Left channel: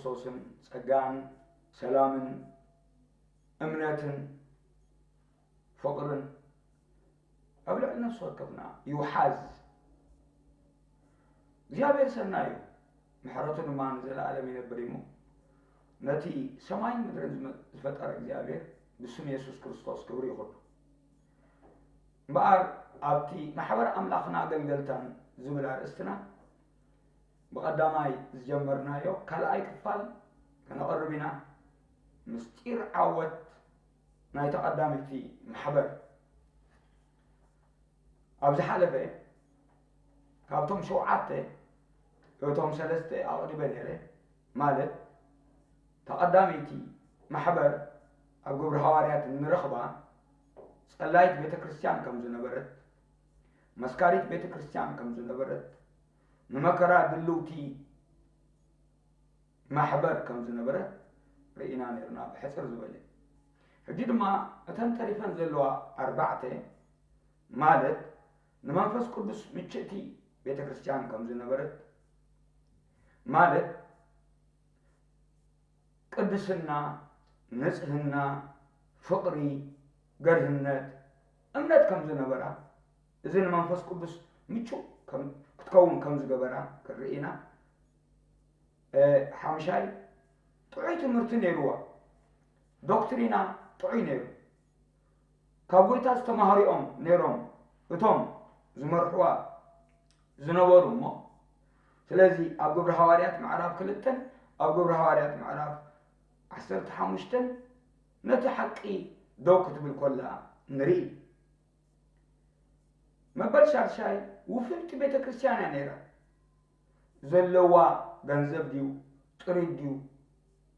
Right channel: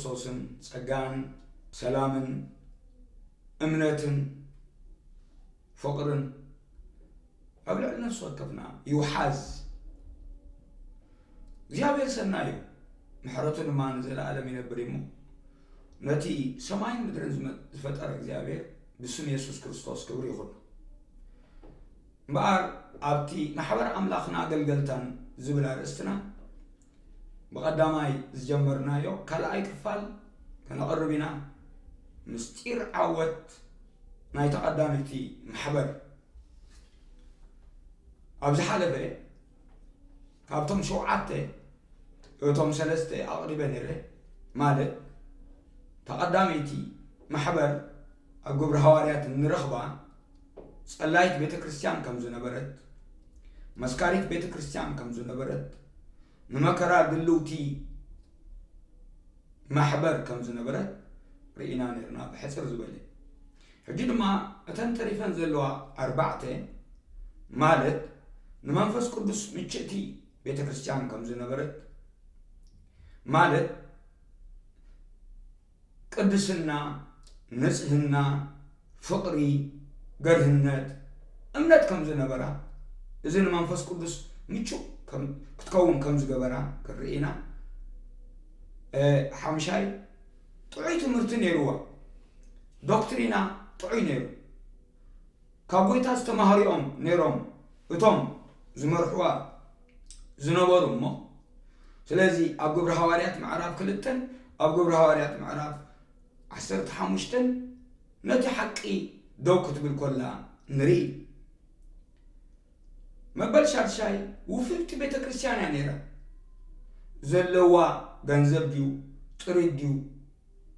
ክርስቶስን ጸጋን ሰላምን እምነትን ፍቅርን أبلغ نفسه وكفنا يحاز እግዚአብሔር ሰናዩ ምሕረቱን ማን ዘላለም ይነብርይሙ ነቲ ሰማይን ምድርን ዝፈጠረ እግዚአብሔር ብስም ኢየሱስ ክርስቶስ ክብር ይሁን ባር ኣብቲ ማሕበር አምላኽና አገልገልታን ዝብል አርእስትና በቀዳማይ ዝጀመርናዮ ካልኣይ ክፋል ከነቀርብና ምስጢር ዓወት ናይ ተቀዳሚቲ ማሕበር ኣብዚ ሓለፈ ካብቶም ሸውዓተ እቶም ሰለስተ ኣቅሪበ ነይረ ማለት ተቀዳሚቲ ማሕበር ኣብ ግብረ ሐዋርያት ንረኽባ ጸላይት ቤተክርስቲያን ከም ዝነበረት መስካሪት ቤተክርስቲያን ከም ዝነበረት ንመከራ ድልውቲ ማሕበር ከም ዝነበረት ርኢና ነርና ብሕፅር ዝበለ ሕጂ ድማ እተን ተሪፈን ዘለዋ ኣርባዕተ ማለት ንመንፈስ ቅዱስ ምችእቲ ቤተክርስቲያን ከም ዝነበረት ማለት ቅድስና ንጽህና ፍቅሪ ገርህነት እምነት ከም ዝነበራ እዚ ንመንፈስ ቅዱስ ምቹእ ክትከውን ከም ዝገበራ ክርኢና ሓምሻይ ጥዑይ ትምህርቲ ነይሩዋ ዶክትሪና ጥዑይ ነይሩ ካብ ጎይታ ዝተማሃሪኦም ነይሮም እቶም ዝመርሕዋ ዝነበሩ እሞ ስለዚ ኣብ ግብረ ሐዋርያት ምዕራፍ 2 ኣብ ግብረ ሐዋርያት ምዕራፍ 15 ነቲ ሓቂ ደው ክትብል ኮላ ንርኢ መበል ሻርሻይ ውፍልቲ ቤተክርስቲያን ነይራ ዘለዋ ገንዘብ ድዩ ጥሪት ድዩ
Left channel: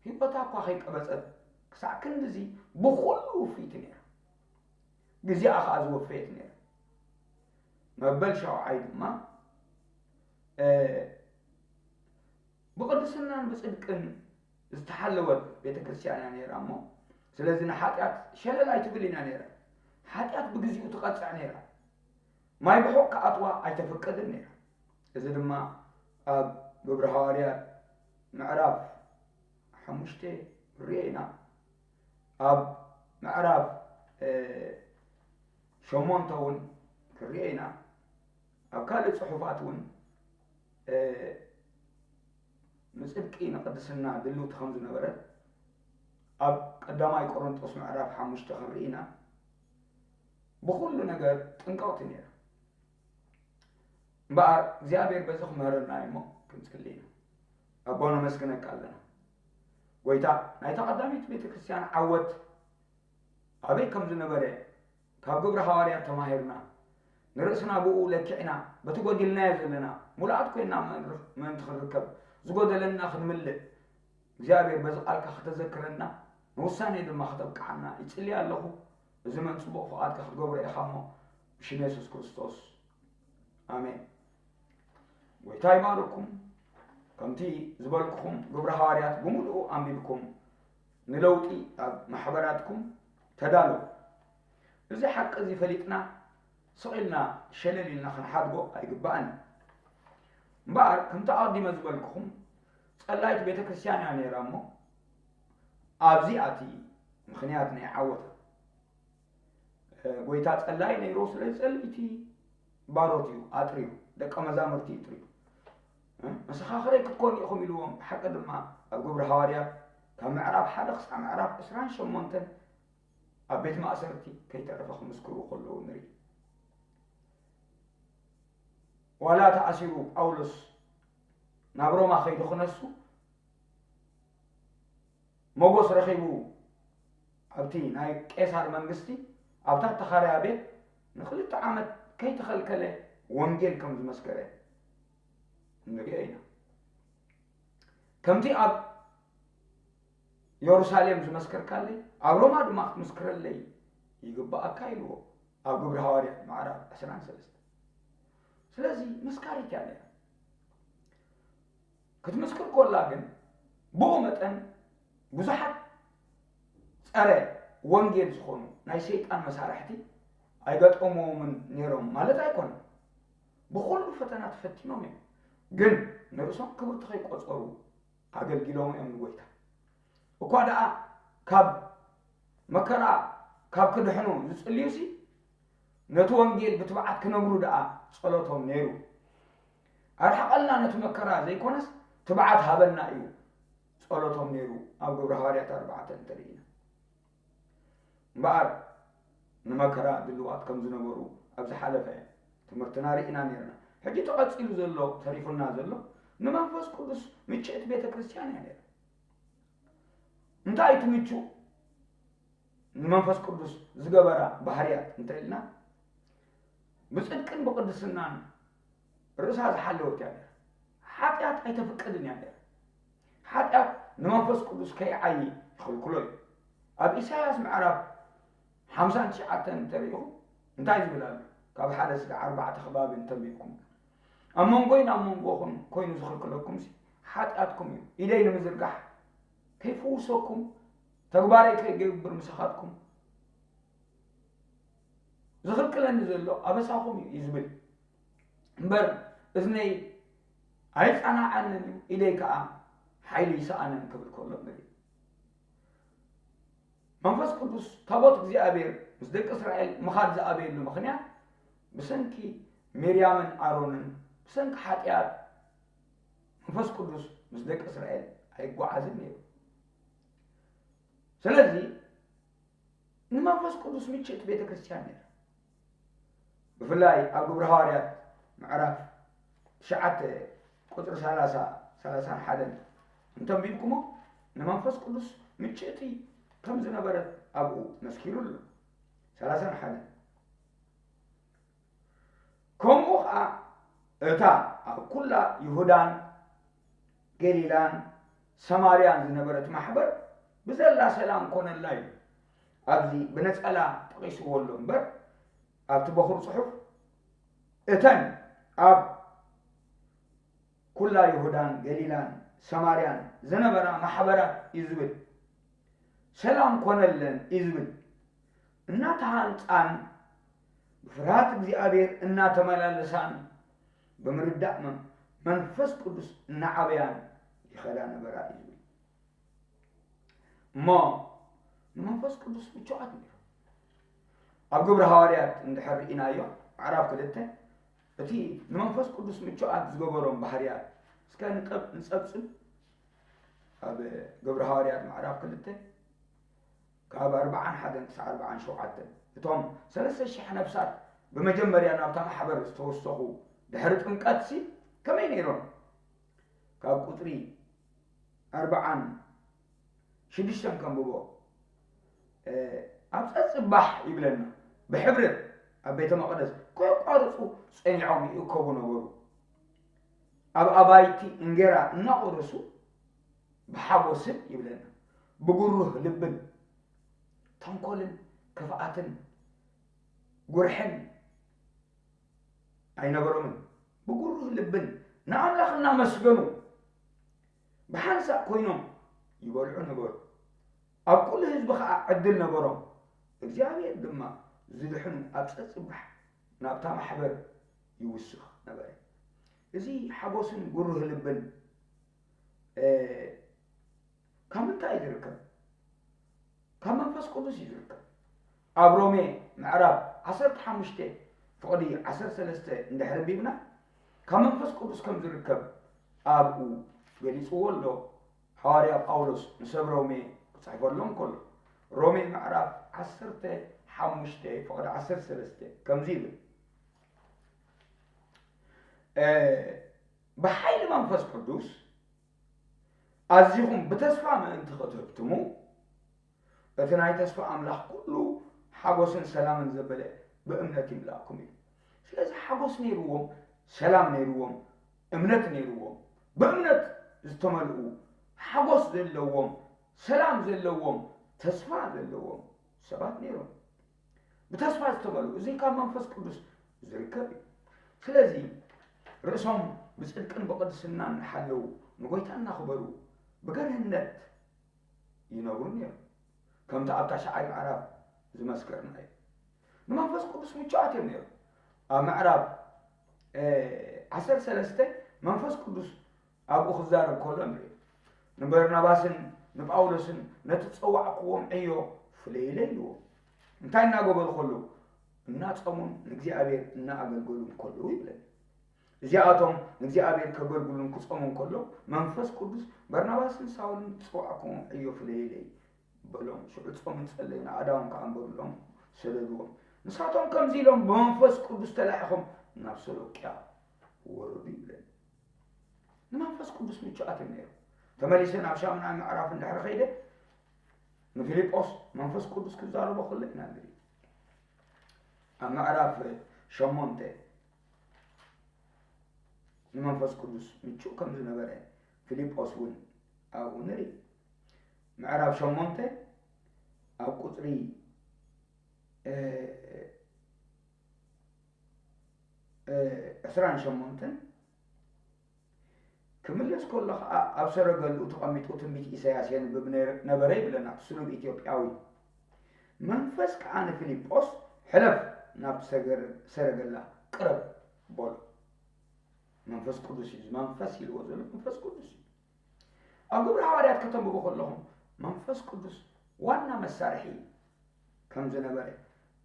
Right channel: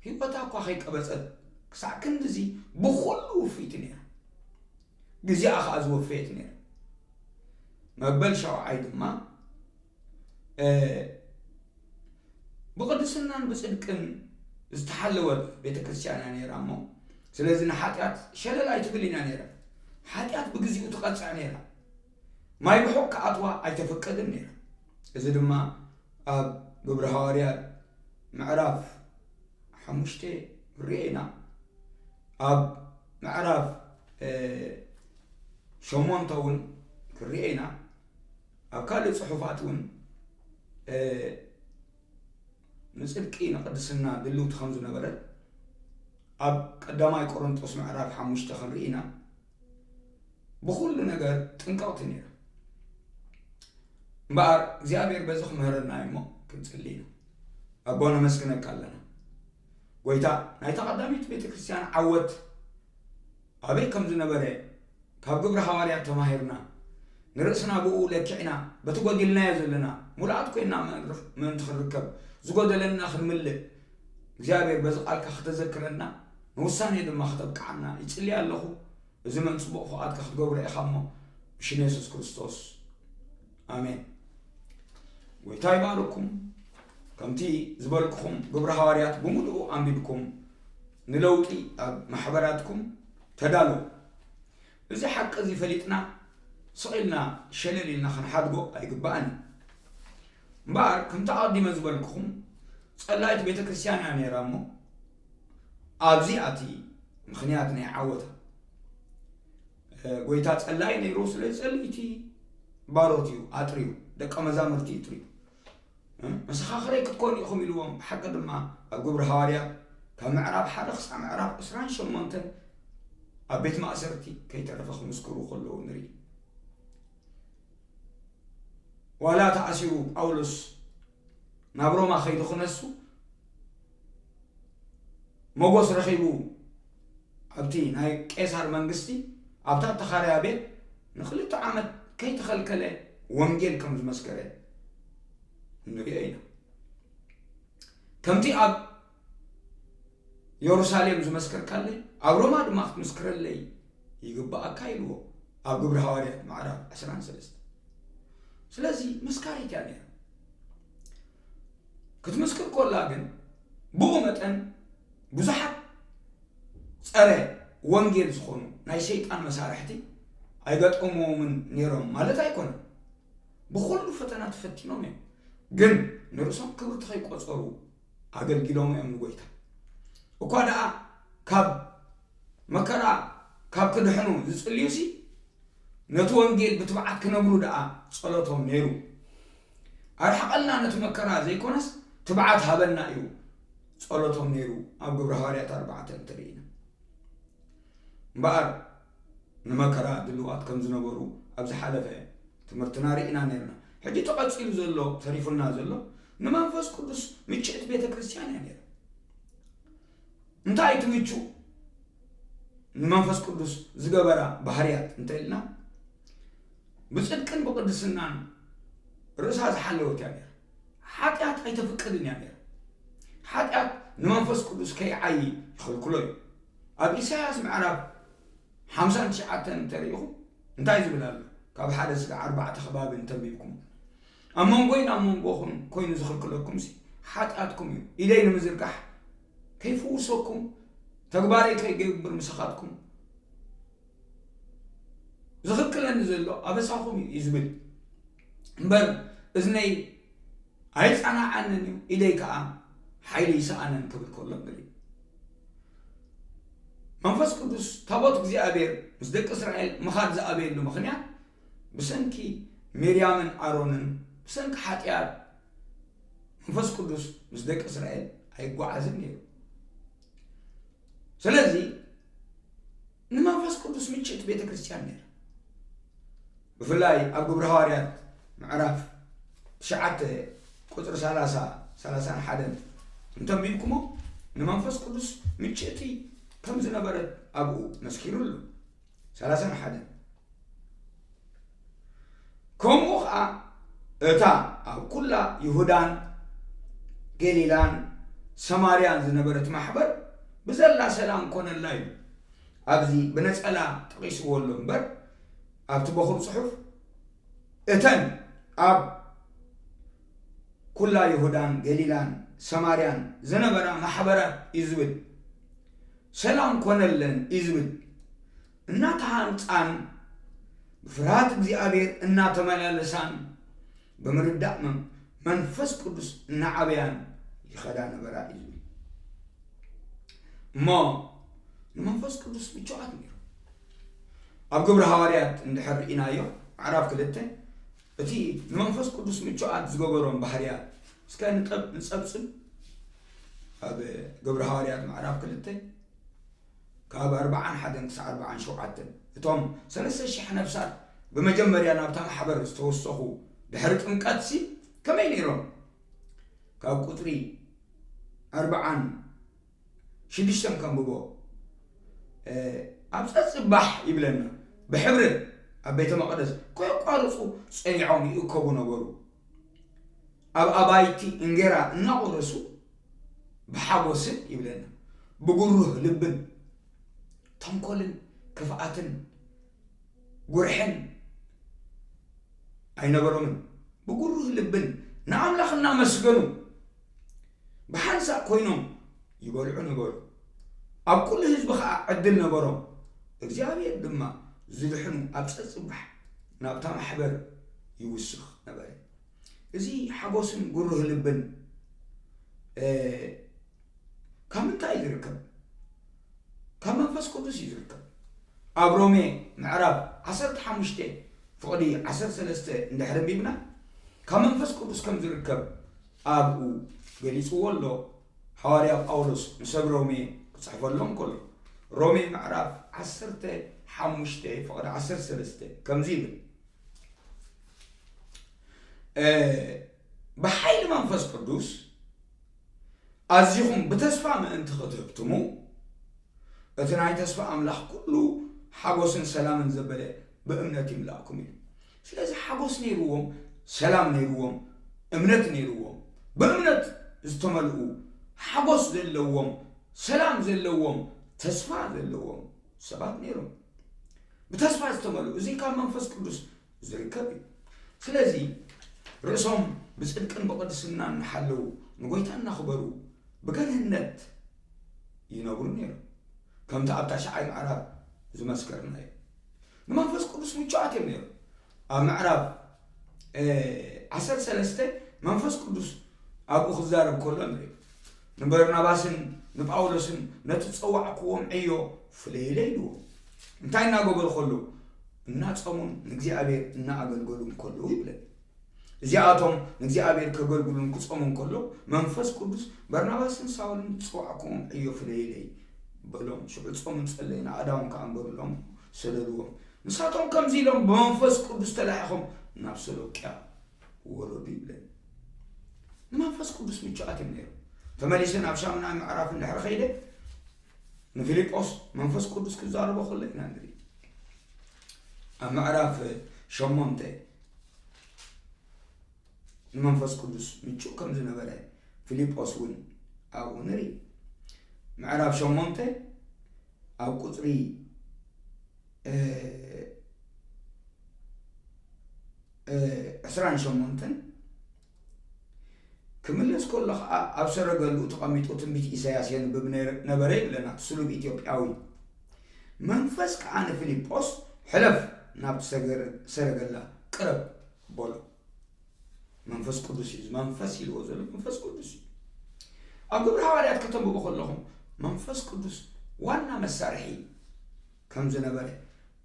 ሂወታ እኳ ከይቀበፀት ክሳዕ ክንድዚ ብኩሉ ውፍይቲ ነይራ ግዜኣ ከዓ ዝወፈየት ነይራ መበል ሻውዓይ ድማ بقدسنا بصدقن استحلوت ቤተክርስቲያን ነይራ እሞ ስለዚ ንኃጢአት ሸለል አይትብልና ነይራ ኃጢአት በግዚኡ ተቀጽዕ ነይራ ማይ በሆክ አጥዋ አይተፈቀደን ነይራ እዚ ድማ ኣብ ግብረ ሐዋርያት ምዕራፍ 5 ሪኢና ኣብ ምዕራፍ 8 እውን ክሪኢና ኣብ ካልእ ጽሑፋትን ንጽድቂ ንቅድስና ድልውት ከም ዝነበረት ኣብ ቀዳማይ ቆሮንቶስ ምዕራፍ 5 ክሪኢና ብኩሉ ነገር ጥንቀቅቲ ነይራ እምበኣር እግዚአብሔር በዚ ክምህረና እሞ ክንጽልይ ኣቦና መስግነካ ኣለና ጎይታ ናይ ተቀዳሚት ቤተክርስቲያን ዓወት ኣበይ ከም ዝነበረ ካብ ግብረ ሐዋርያት ተማሂርና ንርእስና ብኡ ለኪዕና በተጎዲልናዮ ዘለና ሙሉኣት ኮይና መን ትኽርከብ ዝጎደለና ክንምልእ እግዚአብሔር በዚ ቃልካ ክትዘክረና ንውሳኔ ድማ ክትብቃዕና ይጽልይ ኣለኹ እዚ መን ጽቡቕ ፍቓድካ ክትገብሮ ኢኻ እሞ ብሽም ኢየሱስ ክርስቶስ ኣሜን ጎይታ ይባርኩም ከምቲ ዝበልኩኹም ግብረ ሐዋርያት ብምሉኡ ኣንቢብኩም ንለውጢ ኣብ ማሕበራትኩም ተዳሉ እዚ ሓቂ እዚ ፈሊጥና ስቂልና ሸለሊልና ክንሓድጎ ኣይግባእን እምበኣር ከምቲ ኣቀዲመ ዝበልኩኹም ጸላይት ቤተክርስቲያን ነይራ እሞ ኣብዚኣቲ ምክንያት ናይ ዓወታ ጎይታ ጸላይ ነይሩ ስለ ጸልይቲ ባሮት እዩ ኣጥሪዩ ደቀ መዛሙርቲ ይጥሪዩ መሰኻኽረይ ክትኮኑ ኢኹም ኢልዎም ብሓቂ ድማ ኣብ ግብረ ሐዋርያት ካብ ምዕራፍ 1 ክሳብ ምዕራፍ 28 ኣብ ቤት ማእሰርቲ ከይተረፈ ክምስክሩ ከለዉ ንርኢ ዋላ ተኣሲሩ ጳውሎስ ናብ ሮማ ከይዱ ክነሱ ሞጎስ ረኺቡ ኣብቲ ናይ ቄሳር መንግስቲ ኣብታ ተኻርያ ቤት ንክልተ ዓመት ከይተኸልከለ ወንጌል ከም ዝመስከረ ንሪኦ ኢና ከምቲ ኣብ ኢየሩሳሌም ዝመስከርካለ ኣብ ሮማ ድማ ክትመስክረለይ ይግባእካ ኢልዎ ኣብ ግብረ ሐዋርያት ምዕራፍ 13 ስለዚ መስካሪት እያ ነይራ ክትመስክር ኮላ ግን ብኡ መጠን ብዙሓት ጸረ ወንጌል ዝኾኑ ናይ ሸይጣን መሳርሕቲ ኣይገጠሞምን ነይሮም ማለት ኣይኮነን ብኩሉ ፈተና ተፈቲኖም እዮም ግን ንርእሶም ክብርቲ ከይቆፀሩ ኣገልግሎም እዮም ንጎይታ እኳ ደኣ ካብ መከራ ካብ ክድሕኑ ዝጽልዩሲ ነቲ ወንጌል ብትብዓት ክነብሩ ደኣ ጸሎቶም ነይሩ ኣርሐቀልና ነቲ መከራ ዘይኮነስ ትብዓት ሃበና እዩ ጸሎቶም ነይሩ ኣብ ግብረ ሐዋርያት 4 ተሪኢና እምበኣር ንመከራ ድልዋት ከም ዝነበሩ ኣብ ዝሓለፈ ትምህርትና ርኢና ነርና ሕጂ ተቐጺሉ ዘሎ ተሪፉልና ዘሎ ንመንፈስ ቅዱስ ምችእት ቤተ ክርስቲያን እያ ነይራ እንታይ ትምቹ ንመንፈስ ቅዱስ ዝገበራ ባህርያት እንተኢልና ብጽድቅን ብቅድስናን ርእሳ ዝሓለወት እያ ነይራ ሓጢአት ኣይተፈቅድን እያ ነይራ ሓጢአት ንመንፈስ ቅዱስ ከይዓይ ይኽልክሎ እዩ ኣብ ኢሳያስ ምዕራፍ 59 እንተሪኢኹም እንታይ ዝብል ኣሎ ካብ 1-4 ከባቢ እንተንቢብኩም ኣብ መንጎይን ኣብ መንጎኹም ኮይኑ ዝኽልክለኩም ሓጢአትኩም እዩ ኢደይ ንምዝርጋሕ ከይፍውሰኩም ተግባረይ ከይገብር ምሳኻትኩም ዝኽልክለኒ ዘሎ ኣበሳኹም እዩ ዝብል እምበር እዝነይ ኣይጸናዓንን እዩ ኢደይ ከዓ ሓይሊ ይሰኣነን ክብል ከሎ ንርኢ መንፈስ ቅዱስ ታቦት እግዚአብሔር ምስ ደቂ እስራኤል ምኻድ ዝኣበየሉ ምኽንያት ብሰንኪ ሚርያምን ኣሮንን ብሰንኪ ሓጢአት መንፈስ ቅዱስ ምስ ደቂ እስራኤል ኣይጓዓዝን ነይሩ ስለዚ ንመንፈስ ቅዱስ ምችእት ቤተ ክርስቲያን ነይራ ብፍላይ ኣብ ግብረ ሐዋርያት ምዕራፍ 9:30-31 እንተንቢብኩሞ ንመንፈስ ቅዱስ ምችእቲ ከም ዝነበረት ኣብኡ መስኪሩሉ 31 ከምኡ ከዓ እታ ኣብ ኩላ ይሁዳን ገሊላን ሰማርያን ዝነበረት ማሕበር ብዘላ ሰላም ኮነላ እዩ ኣብዚ ብነጸላ ጠቂስዎሎ እምበር ኣብቲ በኹር ጽሑፍ እተን ኣብ ኩላ ይሁዳን ገሊላን ሰማርያን ዝነበራ ማሕበራት እዩ ዝብል ሰላም ኮነለን እዩ ዝብል እናተሃንፃን ብፍርሃት እግዚአብሔር እናተመላለሳን ብምርዳእ መንፈስ ቅዱስ እናዓበያን ይኸዳ ነበራ እዩ ዝብል እሞ ንመንፈስ ቅዱስ ምቹኣት ነይሩ ኣብ ግብረ ሐዋርያት እንድሕር ርኢናዮ ምዕራፍ 2 እቲ ንመንፈስ ቅዱስ ምቹኣት ዝገበሮም ባህርያት እስከ ንጸብጽብ ኣብ ግብረ ሐዋርያት ምዕራፍ 2 ካብ 41-47 እቶም 3,000 ነፍሳት በመጀመሪያ ናብታ ማሕበር ዝተወሰኹ ድሕሪ ጥምቀት ከመይ ነይሮም ካብ ቁጥሪ 46 ከንብቦ ኣብ ጸጽባሕ ይብለና ብሕብሪ ኣብ ቤተ መቅደስ ከይቋርጹ ጸኒዖም ይእከቡ ነበሩ ኣብ ኣባይቲ እንጌራ እናቆረሱ ብሓጎስን ይብለና ብጉሩህ ልብን ተንኮልን ክፍኣትን ጉርሕን ኣይነበሮምን ብጉሩህ ልብን ንኣምላኽ እናመስገኑ ብሓንሳእ ኮይኖም ይበልዑ ነበሩ ኣብ ኩሉ ህዝቢ ከዓ ዕድል ነበሮም እግዚአብሔር ድማ ዝድሕኑ ኣብ ጸጽባሕ ናብታ ማሕበር ይውስኽ ነበር እዚ ሓጎስን ጉሩህ ልብን ካብ ምንታይ ይርከብ ካብ መንፈስ ቅዱስ ይርከብ ኣብ ሮሜ ምዕራፍ 15:13 እንድሕር ቢብና ካብ መንፈስ ቅዱስ ከም ዝርከብ ኣብኡ ገሊጽዎ ኣሎ ሐዋርያ ጳውሎስ ንሰብ ሮሜ ክጽሕፈሎም ከሎ ሮሜ ምዕራፍ 15:13 ከምዚ ይብል بحيل منفس قدوس أزيهم بتسفى ما أنت خطبتمو أتناي تسفى أملاح كله حقوس سلام زبلة بأمنة ملاكم سلازي حقوس نيروهم سلام نيروهم أمنة نيروهم بأمنة استملؤوا حقوس ذلوهم سلام ذلوهم تسفى ذلوهم سبات نيروهم بتسفى استملؤوا زي كان منفس قدوس زي كبير سلازي رأسهم بصدقن بقدسنا نحلو نقولتنا نخبروا بجنة ينورني كم تعبت شعي معرب زي ما سكرنا ما فاز قدس متشاعت مني معرب 10 سنة منفس قدس أبو خزار بكل أمري ንበርናባስን ንጳውሎስን ነቲ ፀዋዕክዎም ዕዮ ፍለይለ ኢልዎ እንታይ እናገበሩ ከለዉ እናፀሙን ንእግዚአብሔር እናኣገልገሉን ከለዉ ይብለን እዚኣቶም ንእግዚአብሔር ከገልግሉን ክፀሙን ከለዉ መንፈስ ቅዱስ በርናባስን ሳውልን ፀዋዕክዎም ዕዮ ፍለይለ በሎም ሽዑ ፆምን ፀለይና ኣዳውን ከኣንበሩሎም ሰደድዎም ንሳቶም ከምዚ ኢሎም ብመንፈስ ቅዱስ ተላኢኹም ናብ ሰሎቅያ ወረዱ ይብለን ንመንፈስ ቅዱስ ምቹኣት እዮም ነይሩ ተመሊሰን ኣብ ሻምናይ ምዕራፍ እንድሕሪ ኸይደ ንፊልጶስ መንፈስ ቅዱስ ክዛረቦ ከሎ ኢና ንርኢ ኣብ ምዕራፍ 8 ንመንፈስ ቅዱስ ምቹእ ከም ዝነበረ ፊልጶስ እውን ኣብኡ ንርኢ ምዕራፍ 8 ኣብ ቁፅሪ 28 ክምለስ ከሎ ከዓ ኣብ ሰረገሉ ተቐሚጡ ትንቢት ኢሳያስ የንብብ ነበረ ይብለና ስሉብ ኢትዮጵያዊ መንፈስ ከዓ ንፊልጶስ ሕለፍ ናብቲ ሰረገላ ቅረብ በሎ መንፈስ ቅዱስ እዩ መንፈስ ኢልዎ ዘሎ መንፈስ ቅዱስ እዩ ኣብ ግብረ ሐዋርያት ከተንብቦ ከለኹም መንፈስ ቅዱስ ዋና መሳርሒ ከም ዝነበረ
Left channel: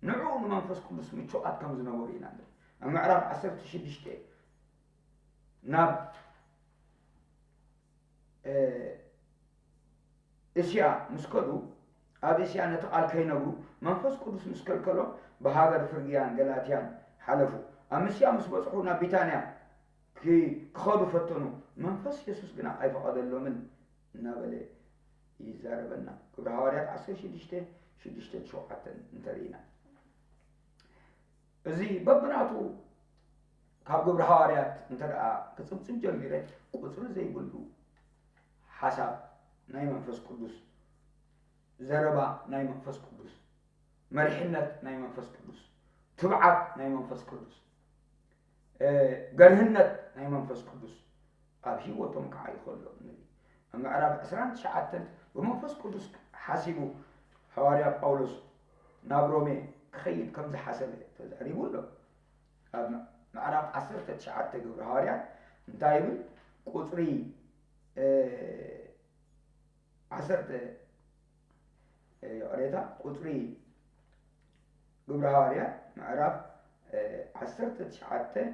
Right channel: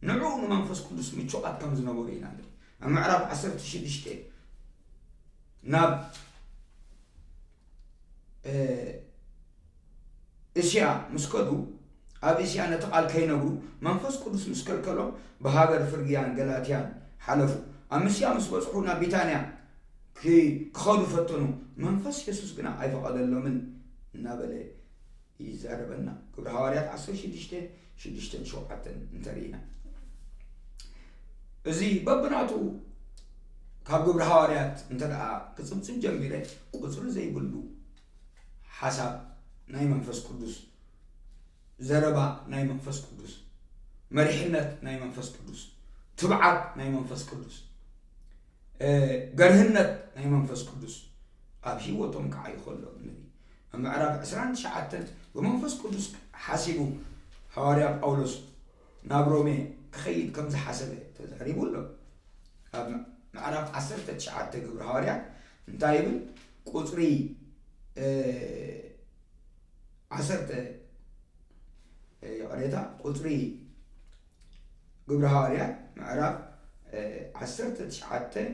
ንዑ ንመንፈስ ቅዱስ ምቹኣት ከም ዝነበሩ ኢና ንርኢ ኣብ ምዕራፍ 16 ናብ እስያ ምስከዱ ኣብ እስያ ነቲ ቃል ከይነብሩ መንፈስ ቅዱስ ምስ ከልከሎም ብሃገር ፍርግያን ገላትያን ሓለፉ ኣብ ምስያ ምስ በፅሑ ናብ ቢታንያ ክኸዱ ፈተኑ መንፈስ ኢየሱስ ግና ኣይፈቐደሎምን እናበለ ይዛረበና ግብረ ሐዋርያት 16:6-7 እንተሪኢና እዚ በብናቱ ካብ ግብረ ሐዋርያት እንተደኣ ክፅምፅም ጀሚረ ቁፅሪ ዘይብሉ ሓሳብ ናይ መንፈስ ቅዱስ ዘረባ ናይ መንፈስ ቅዱስ መሪሕነት ናይ መንፈስ ቅዱስ ትብዓት ናይ መንፈስ ቅዱስ ገርህነት ናይ መንፈስ ቅዱስ ኣብ ሂወቶም ከዓ ይኸሎ ንርኢ ኣብ ምዕራፍ 29 ብመንፈስ ቅዱስ ሓሲቡ ሐዋርያ ጳውሎስ ናብ ሮሜ ክኸይድ ከም ዝሓሰበ ተዛሪቡ ኣሎ ኣብ ምዕራፍ 19 ግብረ ሐዋርያት እንታይ ይብል ቁፅሪ 10 يقريتا قطري قبر هاريات معرف 19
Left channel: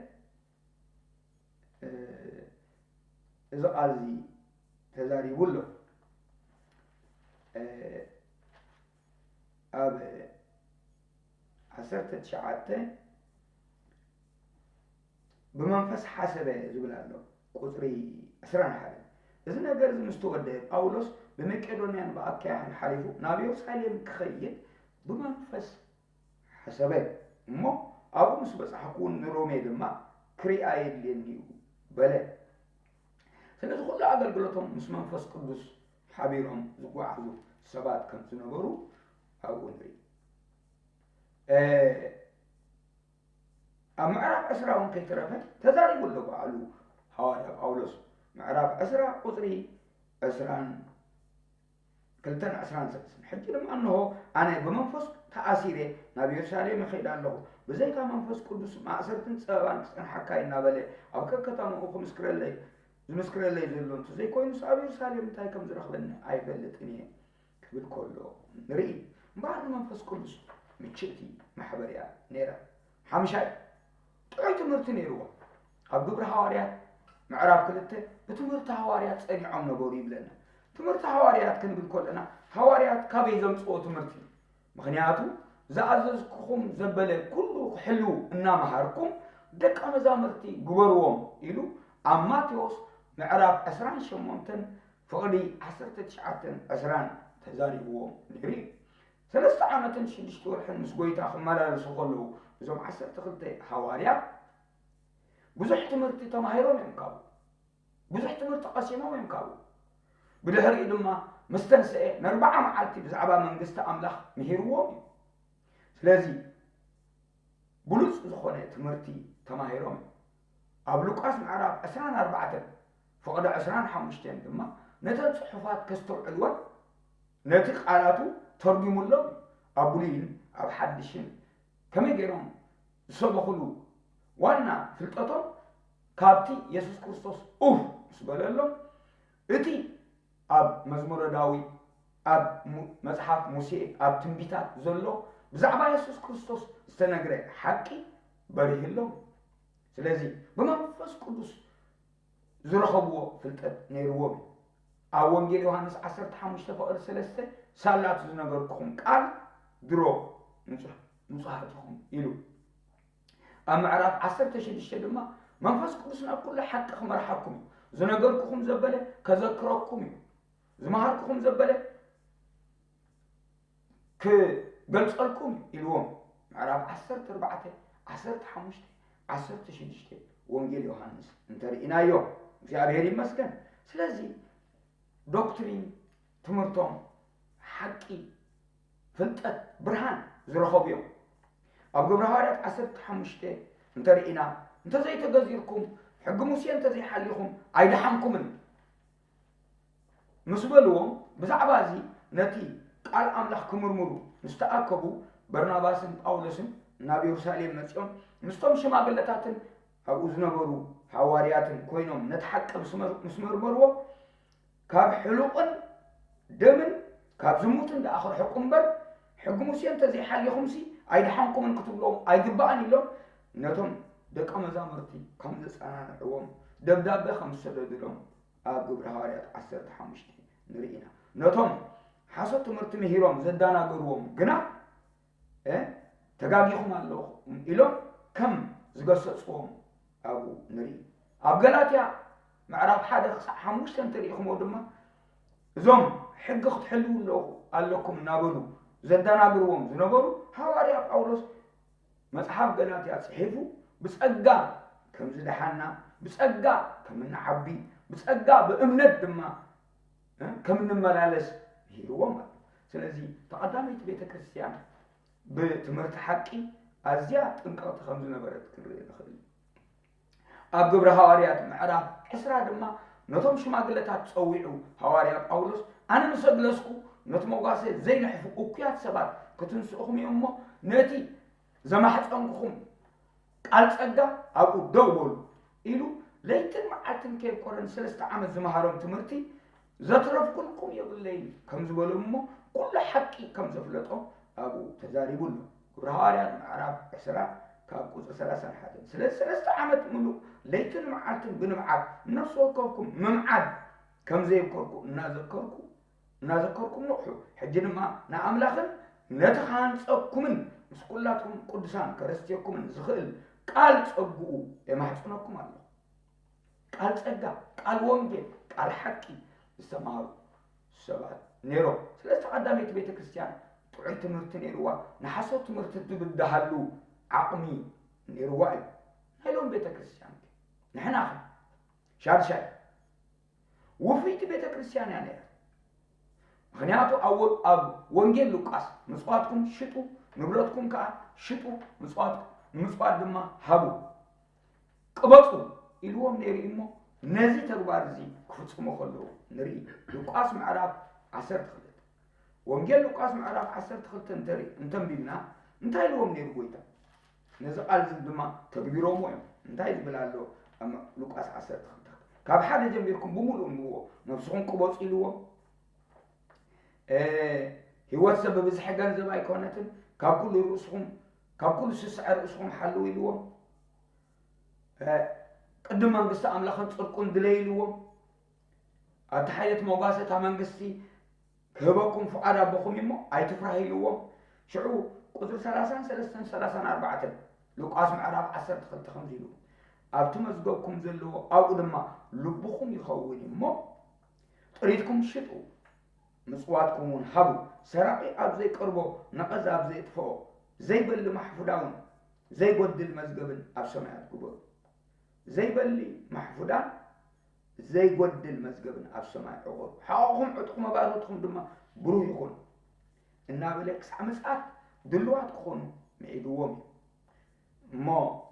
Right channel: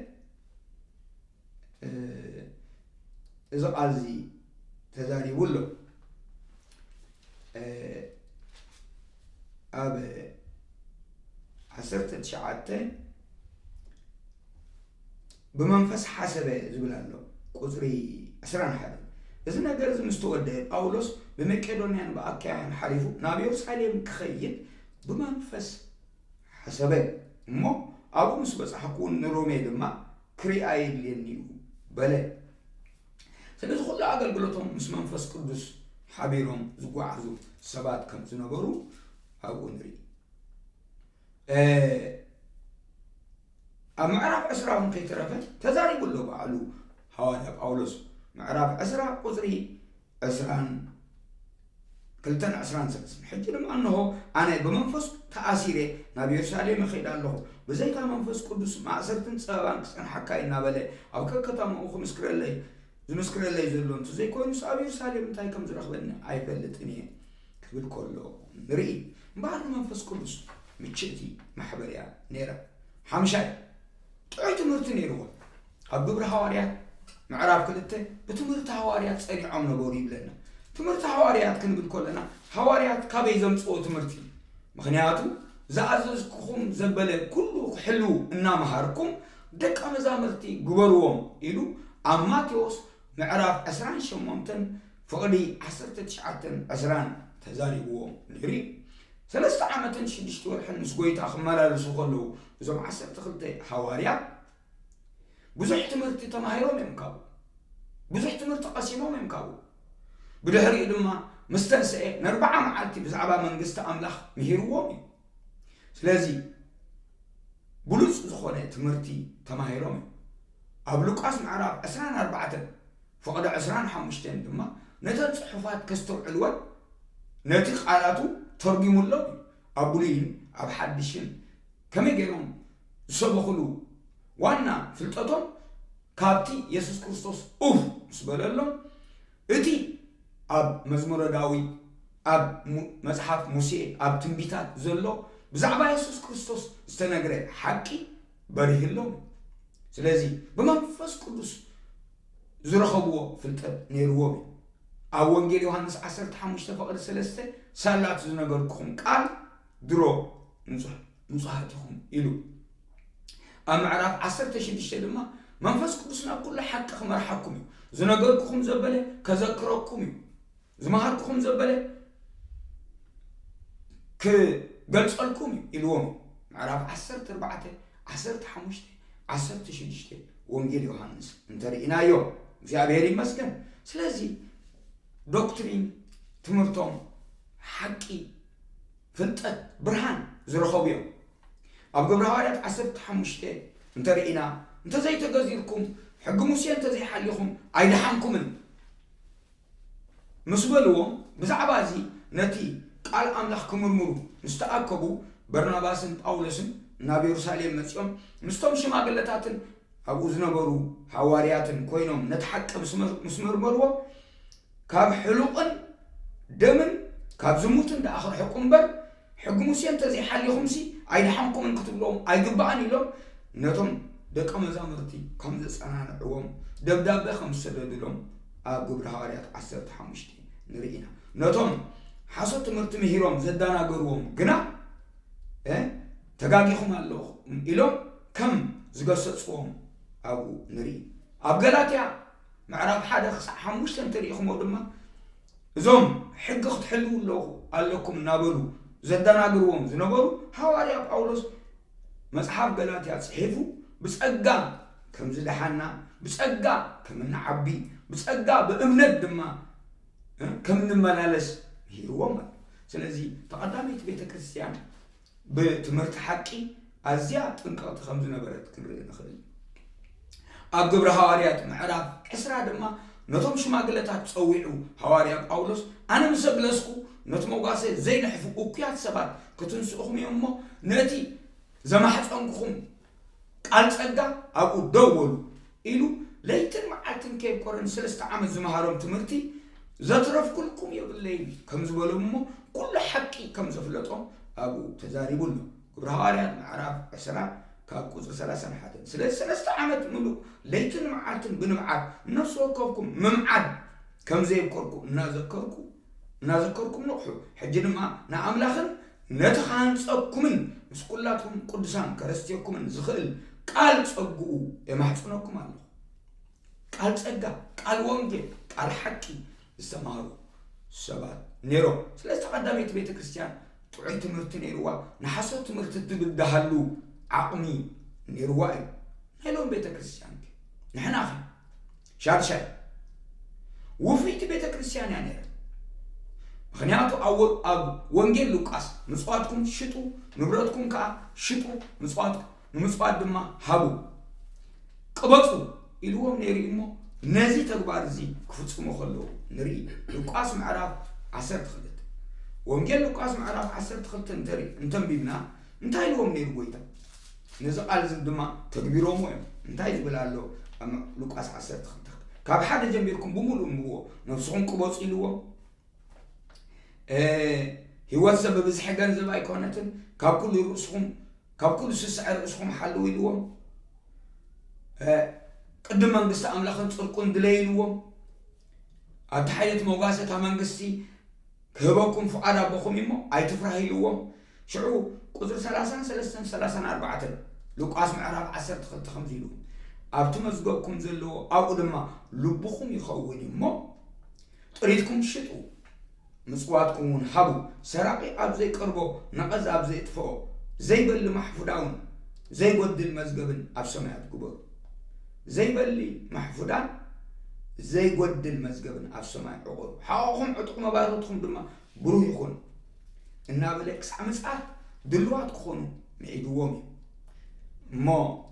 إذا قالزي تزاري ولو أب 19 بمنفس حسبه زبلالو قطري 11 إذا نقدر نستودع باولوس بمقدونيا بأكيان حريفو نابي يرساليم كخيل بمنفس حسبه مو أبو مسبس حكون رومي دما كرياي لينيو بله سلازو خلا أقلقلتهم مس منفس قدس حبيرهم زقوعزو سبات كم زنبرو أبو نري أمعرف أسرعهم كي ترفت تزاري بلو بعلو هذا باولوس معرف أسرع قطري أسرعن كلتن أسرعن سلسل حتى لما أنه أنا بمنفس تأثيره نبي يرسالي مخيل الله بزيك منفس قدس مع سرتن سبان كسكن حكاينا بله أو ككتام أخو مسكر الله زمسكر الله يزلون تزي كوينس أبي يرسالي متاي كم زرخ بني أي بلتني كبر كله نري بعد منفس قدس متشتي محبريا نيرة حمشاي تعيت مرتني روح أبو حواريات معرف كلته بتمرت حواريات صني عم نبوري بلنا تمرت حواريات كنقول كلنا حواريات كابي زمصو تمرتي مخنياتو زعززكم زبله كله حلو إن مهاركم دك مزامرتي غبروهم يلو أماتيوس معرف 18 فقدي 19 تزاريبوهم نري 3 عامات شدشت ورحن مسقويتا خمالالسو خلو زم 12 حواريات بزح تمرت تماهيرهم يمكابو بزح تمرت قسيمهم يمكابو بدهري لما مستنسئ نربعة معالتي بزعبا منقسط أملاخ مهيروهم سلازي بلوس زخونة تمرتي تماهيرهم أبلوك أسم عرب 14 فقد 15 دما نتن صحفات كستر علوان نتيق آلاتو ترجم الله أبولين أب حدشين كم يجيهم سبخلو وانا فلتاتهم كابتي يسوس كريستوس سبلالهم اتي أب مزمور داوود أب مصحف موسى أب تنبيتات زلو بزعبا يسوع كريستوس استنغري حقي بريه لهم سلازي بمنفس قدوس زرخبوا فلتت نيروبي أو وانجيل يوحنس 15:3 سالات زنغركم قال درو نصحتكم إلو أما عرف 16 دما منفس قدوسنا كل حق مرحكم زنغركم زبله كذكركم زمهركم زبله كغلصلكم إلوم عرف 14 وانجيل يوحنس انترينا يوم في أبيري مسكن سلازي دوكترين تمرتهم حقي فلتت برهان زرخوبيو أب قبر هاريات 15 انترينا انت زي تغزيركم حق موسى انت زي حاليكم ايدحمكم مسبلوم بزعبازي نتي قال أملاحكم مرمرو مستأكبوا برناباسن أولسن نبي يرساليم مسيون مستوم شماغلتاتن أبو زنبرو حوارياتن كوينوم نتحق مسمر مرو كاب حلوقن دمن كاب زموتن دا آخر حكم بر حق موسى انت زي حاليكم سي ايدحمكم انكتب لهم ايقبعني لهم نتم دقا مزامرتي كم زسانا نعوهم دبداب خمس سدد لهم أقبر هاريات 15 نرينا نتم حسط مرت مهيروم زدانا قروهم قنا تقاقيهم الله إلهم كم زقصصهم أبو نري أبقلاتيا معراب حدا حموش تنتريخهم ودما زوم حق تحلو الله قال لكم نابلو زدانا قروهم زنبرو حواريا بأولوس مصحف قلاتيا صحيفو بس أقا كم زدحانا بس أقا كم نعبي بس أقا بأمند دما كم نملالس هو ما سلازي تقدمت بيت كريستيان بتمرت حقي أزيات انقاط خمس نبرت كنري نخلي أقبر هواريات معراف إسرا دما نتوم شماغلتات تصويعو هواريا بأولوس أنا مسبلسكو نتموغاسي زي نحفو كيات سبات كتنسوخم يمو نتي زمحت أنكم قال تصدى أبو دولو إلو ليتن معاتن كيف كورن 3 عام زمهارهم تمرتي زترف كلكم يبلين كم زبلمو كل حقي كم زفلتهم أبو تزاريبون قبر هواريات معراف إسرا كاكوز 30 حدا 3 عامت ملو ليتن معاتن بنمعاد نفس وكوكم ممعاد كم زي بكركم نذكركم نقحو حجن ما نأملاخن نتخان صقكمن مس كلاتكم قدسان كرستيكم زخل قال صقو يمحصنكم الله قال صقا قال وانجيل قال حقي استمارو سبات نيرو سلسة قداميت بيت كريستيان طعي تمرت نيروا نحسو تمرت تبدهالو عقمي نيرواي هلون بيت كريستيان نحن اخي شارشاي وفيت بيت كريستيان يعني خنياتو أول أب وانجيل لوكاس مسقاتكم شتو نبرتكم كا شتو مسقاتكم مسقات دما هابو قبطو إلوهم نيري إمو نزي تقبار زي كفتكم خلو نري لوكاس معراب 10 خلت وانجيل لوكاس معراب 10 خلت انتري انتم بيبنا انتاي لهم نير قويتا نزقال زي دما تكبيرهم ويم انتاي بلالو أما لوكاس 10 خلت كاب حدا جنبيركم بمولو مبوو نفسهم قبط إلوهم هو سبب زح جنزب أيقونتن كاب كل رؤوسهم كاب كل سسع رؤوسهم حلو يلوهم قدم منقصة أملاخن تركون دليلوهم أتحية موقاسة منقصتي كهبكم فعلا بخم يمو أي تفرح يلوهم شعو قدر 34 لقاس معراب 10 تخلت 5 يلوهم أبتو مزقوكم زلو أو قدما لبخم يخون يمو طريقكم شتو مسواتكم حبو سراقي أب زي قربو نقز أب زي تفو زي بل محفودان زي قد المزقبن أب سماعت قبر زي بل محفودان زي قد المزقبن أب سماعت عقور حاوهم عطقم بارتهم دما بروح يخون إنا بلك سعمسات دلوات كخونو معيدوهم ما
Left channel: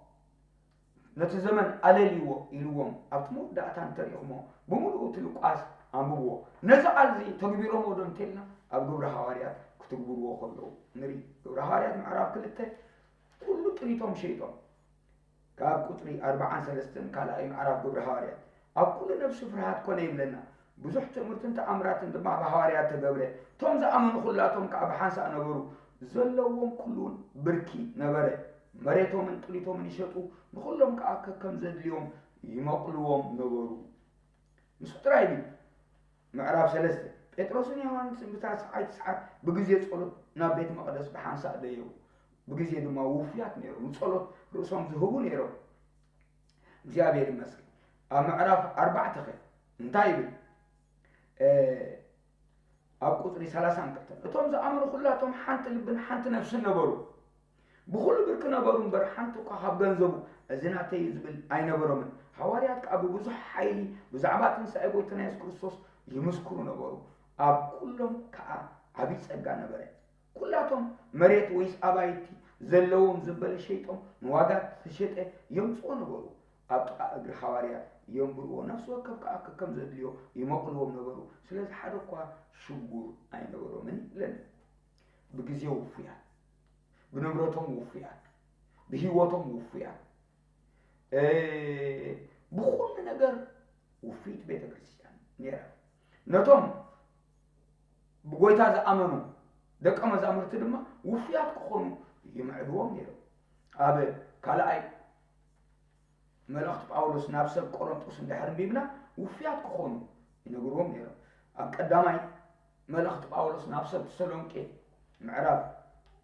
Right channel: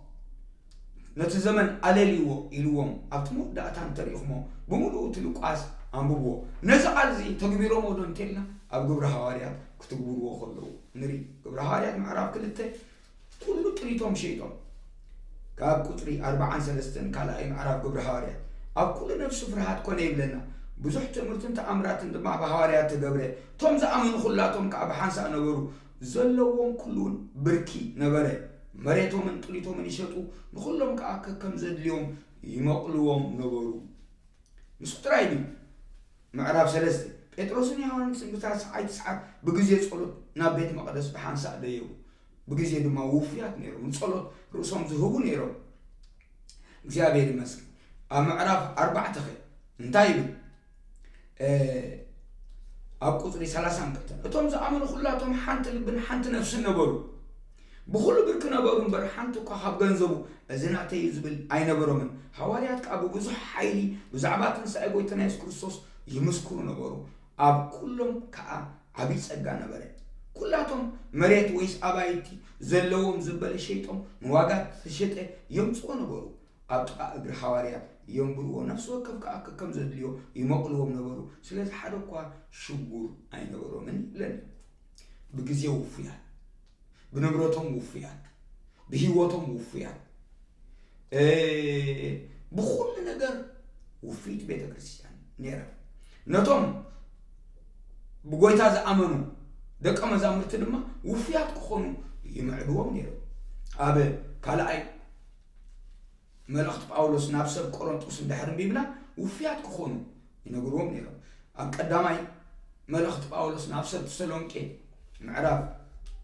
نتزمن أليليو إلوهم أبتمو داتان تاريخمو بمولو تلقاس أمبوه نزعل زي تكبيرو مودن تيلنا أب قبر هواريات كتكبروا خلو نري قبر هواريات معرف كلته كل طريقهم شيطان كاب قطري 4 3 كلا معرف قبر هواريات أب كل نفس فرحات كونه يبلنا ብዙሕ ትምህርትን ተኣምራትን ድማ ብሃዋርያት ተገብረ ቶም ዝኣመኑ ኩላቶም ከዓ ብሓንሳእ ነበሩ ዘለዎም ኩሉን ብርኪ ነበረ መሬቶምን ጥሊቶምን ይሸጡ ንኩሎም ከዓ ከም ዘድልዮም ይመቕልዎም ነበሩ ምስ ጥራይኒ ምዕራፍ 3 ጴጥሮስን ዮሐንስን ብታስዓይ ተስዓት ብግዜ ጸሎት ናብ ቤተ መቅደስ ብሓንሳእ ደየሩ بجزء دم وفيات نيرو نصلت رؤوسهم ذهبوا نيرو እግዚአብሔር ይመስገን ምዕራፍ 4 ተኸ እንታይብ ኣብ ቁጥሪ 30 አንቀተ እቶም ዝኣመኑ ሁላቶም ሓንቲ ልብን ሓንቲ ነፍስን ነበሩ ብኹሉ ብርክ ነበሩ እምበር ሓንቲ እኳ ካብ ገንዘቡ እዝናተይ ዝብል ኣይነበሮምን ሐዋርያት ከዓ ብብዙሕ ሓይሊ ብዛዕባ ትንሣኤ ጎይታና ኢየሱስ ክርስቶስ ይምስክሩ ነበሩ ኣብ ኩሎም ከዓ ዓብይ ጸጋ ነበረ ኩላቶም መሬት ወይስ ኣባይቲ ዘለዎም ዝበለ ሸይጦም ንዋጋት ተሸጠ የምጽኡ ነበሩ ኣብ ጥቃ እግሪ ሐዋርያት ينبرو نفس وكف كم زدليو يمقلوهم نبرو سلازي حدا كوا شغور اي نبرو من لن بجزيو وفيا بنبرتهم وفيا بهيوتهم وفيا بكل نجر وفيت بيت كريستيان نيرا نتوم بقويتا زامنو دك اما زامرت دما وفيات كخونو يمعدوهم نيرا ابي كالاي ملأخت باولوس نفسه قرنطوس اندحرم بيبنا وفيات كخونو ينغروم نيرو قداماي ملأخت باولوس نفسه تسالونكي معراف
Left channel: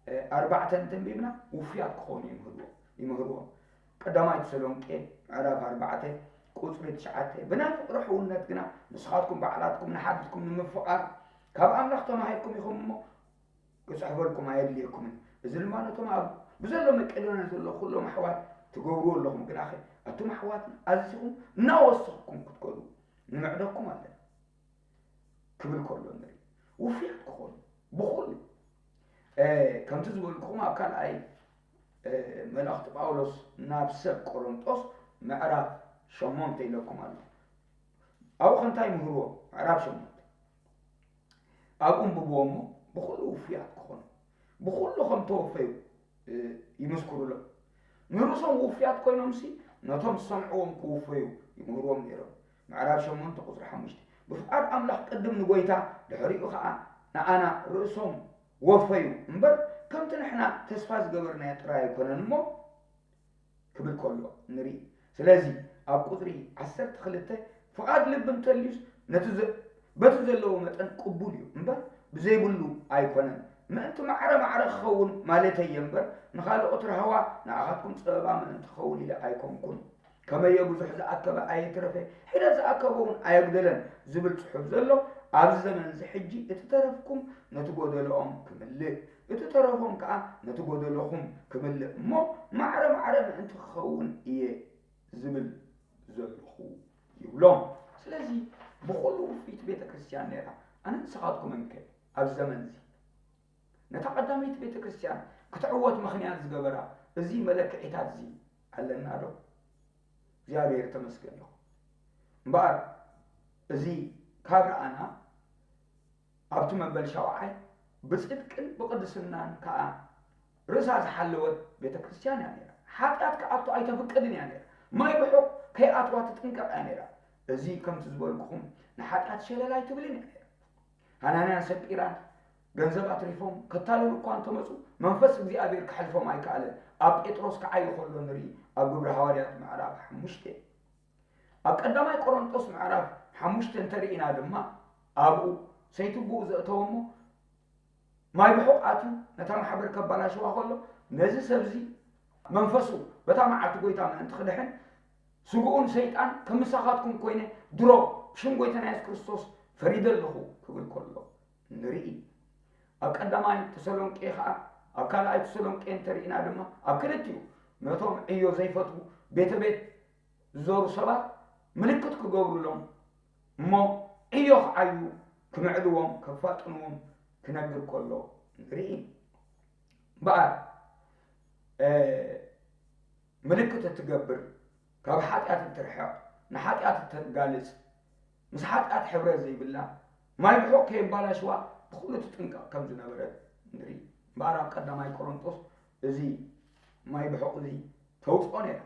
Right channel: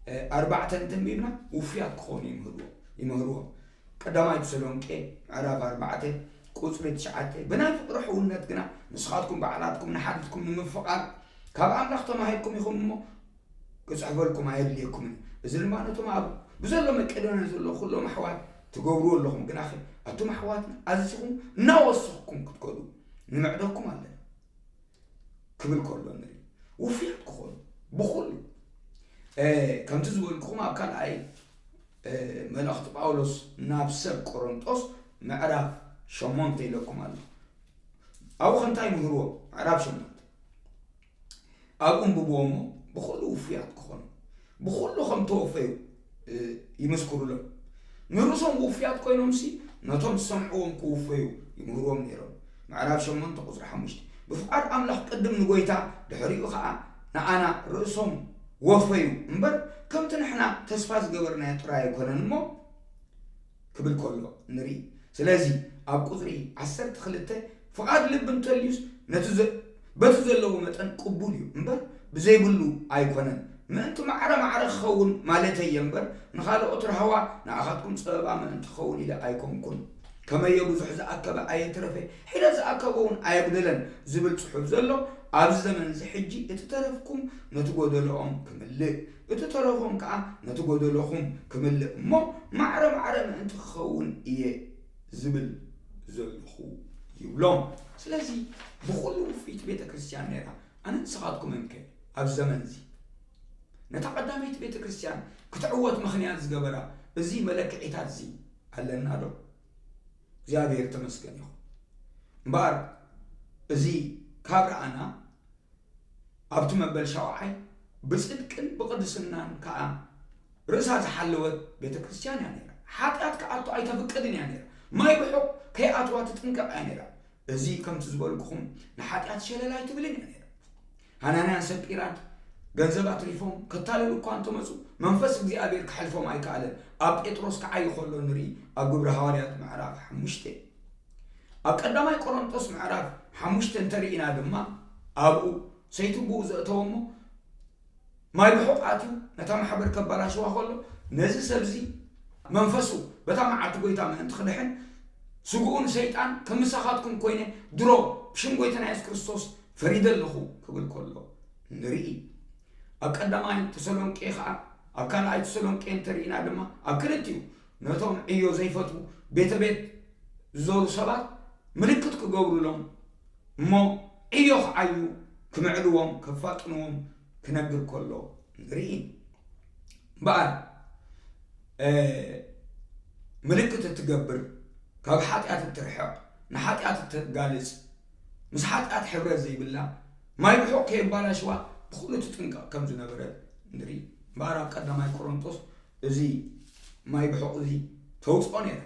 4 تنتم بيبنا وفيات كخونو يمهرو قداماي تسالونكي معراف 4 قصر 9 بنا فقرحونات غنا مسخاتكم بعلاتكم نحدتكم نمفقار كاب املختم هيكم يخمو كصحبلكم هيدليكم اذن مانتهم اب بزلو مقدونه زلو كلهم احوال تقولوا لهم جناخي أنتم حواتنا أزسكم نوصلكم كتقولوا نمعدكم على كبر كله نري وفي كخول بخول كم تزول لكم أكل أي ملأخت باولوس نابس كورنثوس معرف شمونتي لكم على أو خنتاي مهرو معرف شمونت أقوم ببومو بخول وفيات كخول بخول لهم توفيو يمسكروا له نرسم وفيات كوينهم سي نتوم سمعوهم كوفيو يمهروهم نيرون معرف شمون تقصر حمشت بفقار أملاح قدم نقويتا دحريقو خاء نعانا رأسهم وفيو مبر كم تنحنا تسفاز قبرنا يتراي كونن مو كبل كله نري سلازي أب قصري عسر تخلته فقاد لبن توليوس بتزلو متن قبوليو مبر بزيبلو أي كونن ما أنتم معرة خون مالتي ينبر نخالو أطر هوا نأخذكم سببا ما أنت خون إلى أيكم كن كما يبوزح زأكبا أي ترفي حين زأكبون أي بدلن زبل صحف زلو عبز زمن زحجي اتترفكم نتقود لهم كملي اتترفهم كا نتقود لهم كملي مو معرة ما أنت خون إيه زبل زلخو يولون سلازي بخلو في بيت كريستيان نيرا أنا نسخاتكم منك عبز زمن زي نتقدميت بيت كريستيان كتعوت مخنيات زغبرا بزي ملك عيتات زي علنا دو እግዚአብሔር ተመስገን ይሁን ባር እዚ ካብራ አና ኣብቱ መበል ሻውዓይ ብጽድቅን በቅድስናን ከአ ርሳ ዝሐለወት ቤተ ክርስቲያን ያነራ ኃጢአት ከአቱ አይተፈቀድን ያነራ ማይ በሕቅ ከአትዋት ጥንቀቅ ያነራ እዚ ከም ትዝበልኩኹም ንኃጢአት ሸለላይ ትብልን ያነራ ሃናንያ ሰጲራን ገንዘብ አትሪፎም ከታለሉ እኮ አንተ መጹ መንፈስ እግዚአብሔር ከሐልፎም አይካለን ኣብ ጴጥሮስ ከዓይ ኾሎ ንሪ ኣብ ግብረ ሐዋርያት ምዕራፍ 5 ኣብ ቀዳማይ ቆሮንቶስ ምዕራፍ 5 እንተሪኢና ድማ ኣብኡ ሰይትቡ ዘእተወሞ ማይ በሕቃቱ ነታ ማሕበር ከባላሽዋ ኾሎ ነዚ ሰብዚ መንፈሱ በታ መዓልቲ ጎይታ ምእንቲ ክድሕን ስጉኡን ሰይጣን ከምሳኻትኩም ኮይነ ድሮ ሽም ጎይታና ኢየሱስ ክርስቶስ ፈሪደለኹ ክብል ከሎ ንርኢ ኣብ ቀዳማይ ተሰሎንቄ ከዓ ኣብ ካልኣይ ተሰሎንቄ እንተሪኢና ድማ ኣብ ክልቲኡ ነቶም ዕዮ ዘይፈቱ ቤተ ቤት ዝዞሩ ሰባት ምልክት ክገብሩሎም እሞ ዕዮ ክዓዩ ክምዕልዎም ከፋጥንዎም ክነግር ከሎ ንርኢ በኣር ምልክት እትገብር ካብ ሓጢአት እትርሕቕ ንሓጢአት እትጋልጽ ምስ ሓጢአት ሕብረት ዘይብላ ማይ ብሕቅ ከየባላሽዋ بخلو تتنقى كم زنبرت نري بارا قداماي كورنثوس ازي ما يبحق ازي توصوني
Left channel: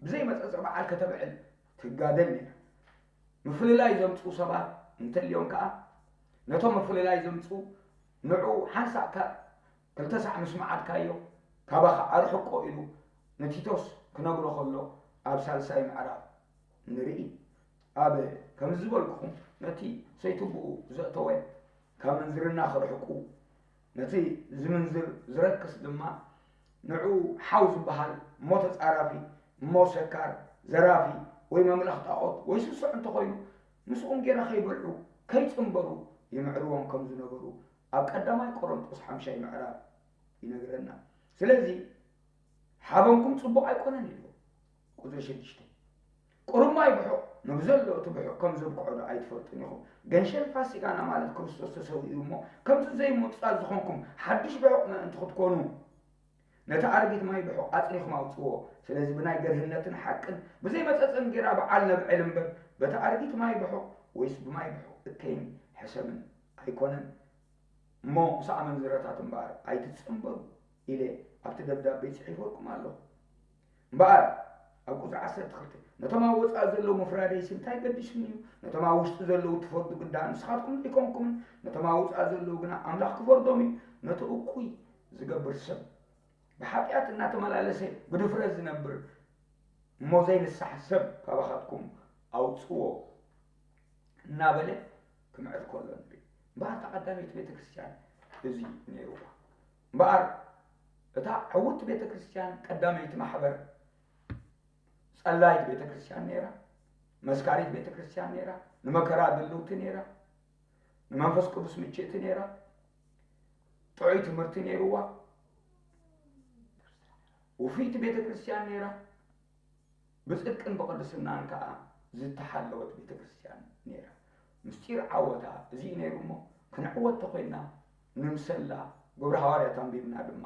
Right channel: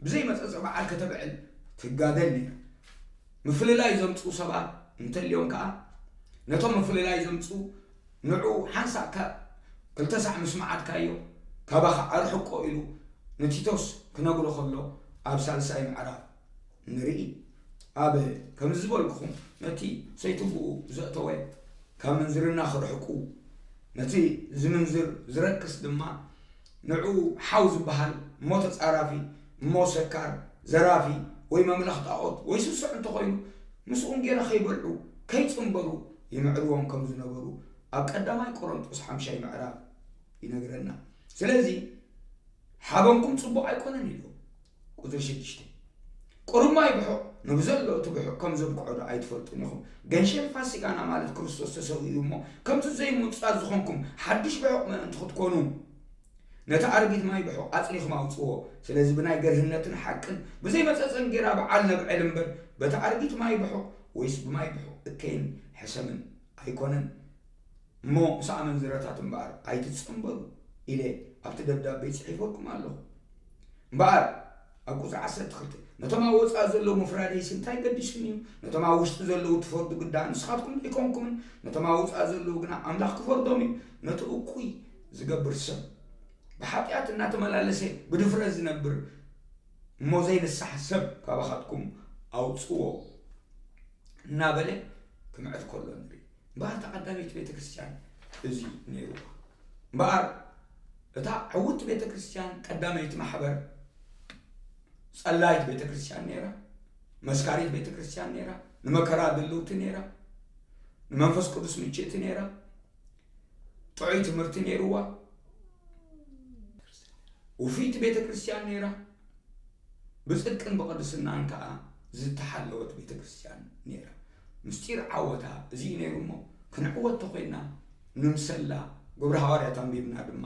بزي ما تصبع الكتبعل تقادلني مفللا يزمصو سبا እንተልዮም ከዓ ነቶም ፍልላይ ዘምፁ ንዑ ሓንሳእካ ክልተሳዕ ምስማዓትካዮ ካባኻ ኣርሕቆ ኢሉ ንቲቶስ ክነግሮ ከሎ ኣብ ሳልሳይ ምዕራፍ ንርኢ ኣብ ከም ዝበልኩኹም ነቲ ሰይትብኡ ዘእተወ ካብ ምንዝርና ክርሕቁ ነቲ ዝምንዝር ዝረክስ ድማ ንዑ ሓው ዝበሃል እሞ ተፃራፊ እሞ ሰካር ዘራፊ ወይ መምለኽ ጣዖት ወይ ስሱዕ እንተኾይኑ ምስኡን ጌና ከይበልዑ ከይፅንበሩ ይምዕርዎም ከም ዝነበሩ ኣብ ቀዳማይ ቆሮንጦስ 5 ምዕራፍ ይነግረና። ስለዚ ሓበንኩም ጽቡቕ ኣይኮነን ኢሉ ቁጥሪ 6 ቁርማ ይብሖ ንብዘሎ ትብሖ ከም ዘብቅዖ ኣይትፈልጡን ኢኹም ገንሸን ፋሲካና ማለት ክርስቶስ ተሰዊኡ እሞ ከምቲ ዘይምውፃእ ዝኾንኩም ሓድሽ ብሕቕ ምእንቲ ክትኮኑ ነቲ ኣርጊት ማይ ብሖ ኣፅኒኹም ኣውፅዎ። ስለዚ ብናይ ገርህነትን ሓቅን ብዘይ መፀፀን ጌራ በዓል ነብዕል እምበር በቲ ኣርጊት ማይ ብሖ ወይስ ብማይ ብሖ እከይን ሕሰምን ኣይኮነን እሞ ምስ ኣመንዝረታት እምበኣር ኣይትፅንበሩ ኢለ ኣብቲ ደብዳቤ ፅሒፈልኩም ኣለኹ። እምበኣር ኣብ ቁፅሪ 12 ነቶም ኣብ ወፃእ ዘለዉ ምፍራደይሲ እንታይ ገዲሱን እዩ? ነቶም ኣብ ውሽጢ ዘለዉ ትፈርዱ ግዳእ ንስኻትኩም ኣይኮንኩምን። ነቶም ኣብ ወፃእ ዘለዉ ግና ኣምላኽ ክፈርዶም እዩ። ነቲ እኩይ ዝገብር ሰብ ብሓጢኣት እናተመላለሰ ብድፍረት ዝነብር እሞ ዘይንሳሕ ሰብ ካባኻትኩም ኣውፅዎ እናበለ ክምዕት ከሎ ንርኢ። እምበኣር ተቐዳሚት ቤተ ክርስቲያን እዚ ነይሩዋ። እምበኣር እታ ዕውት ቤተ ክርስቲያን ቀዳመይቲ ማሕበር ጸላይት ቤተ ክርስቲያን ነይራ፣ መስካሪት ቤተ ክርስቲያን ነይራ፣ ንመከራ ድልውቲ ነይራ፣ ንመንፈስ ቅዱስ ምችእቲ ነይራ፣ ጥዑይ ትምህርቲ ነይሩዋ፣ ውፊት ቤተ ክርስቲያን ነይራ፣ ብጽድቅን ብቅድስናን ከዓ ዝተሓለወት ቤተ ክርስቲያን ነይራ። ምስጢር ዓወታ እዚ ነይሩ እሞ ክንዕወት ተኮይና ንምሰላ ግብረ ሐዋርያት አንቢብና ድማ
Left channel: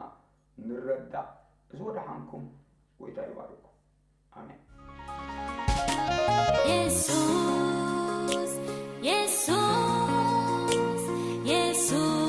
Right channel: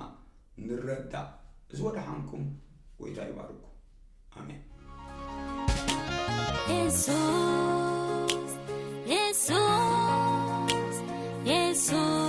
ንረዳእ። እዚ ወድሓንኩም ጎይታ ይባርኩ። አሜን። ኢየሱስ ኢየሱስ ኢየሱስ